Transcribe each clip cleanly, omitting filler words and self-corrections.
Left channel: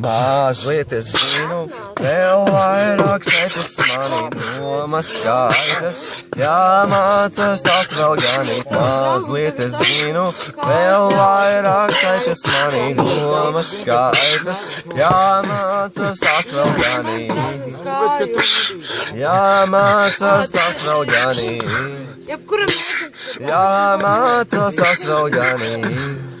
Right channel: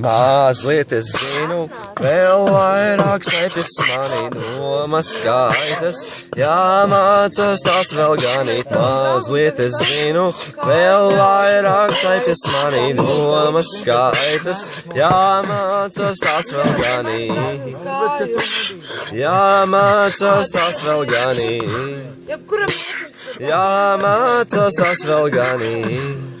Mazliet es zinu, vēl vairāk saites mani domas skaitas. Jāmācās tās vēl ganīt, mazliet es zinu, vēl vairāk saites mani domas skaitas. Jāmācās tās vēl ganīt, jāmācās tās vēl ganīt, jāmācās tās vēl ganīt.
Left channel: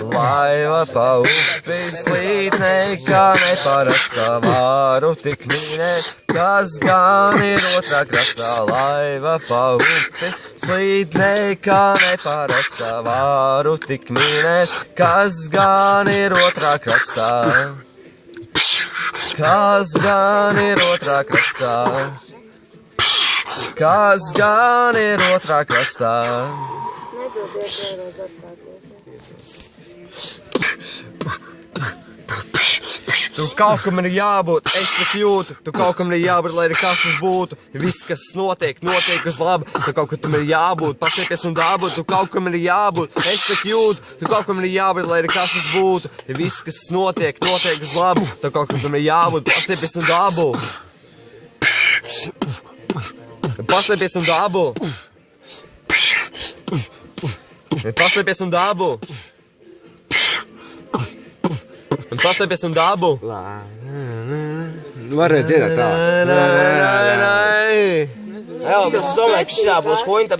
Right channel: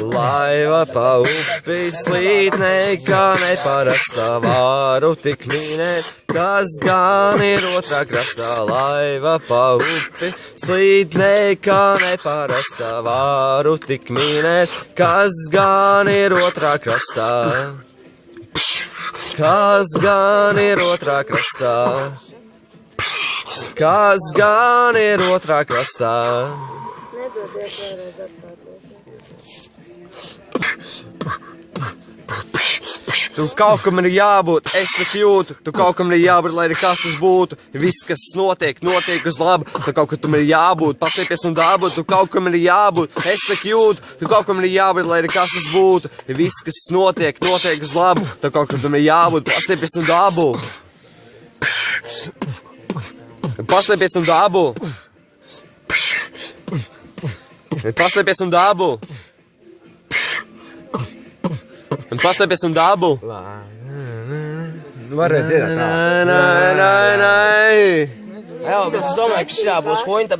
Laiva pa upi slīd nekā neparastā, varu tik minēt, kas gan ir otrā krastā. Laiva pa upi slīd nekā neparastā, varu tik minēt, kas gan ir otrā krastā. Kas gan ir otrā krastā? Kas gan ir otrā krastā? Nedodiet vēlreiz atkārtos. Tu kaut kam ir jābūt, es tik jūtu, tu kaut kam ir jābūt, lai arī kas tas būtu. Viss, kas notiek, notiek uz labu, tu kaut kam ir jābūt, pastiepies un dabūt, tu kaut kam ir jābūt, es tik jūtu, tu kaut kam ir jābūt, lai arī kas tas būtu. Viss, kas notiek, notiek uz labu, tu kaut kam ir jābūt, pastiepies un dabūt. Paslēpies un dabu. Paslēpies un dabu. Paslēpies un dabu. Var dziedāt tā. Nē. Jā, bet es domāju, ka šā būs pointa.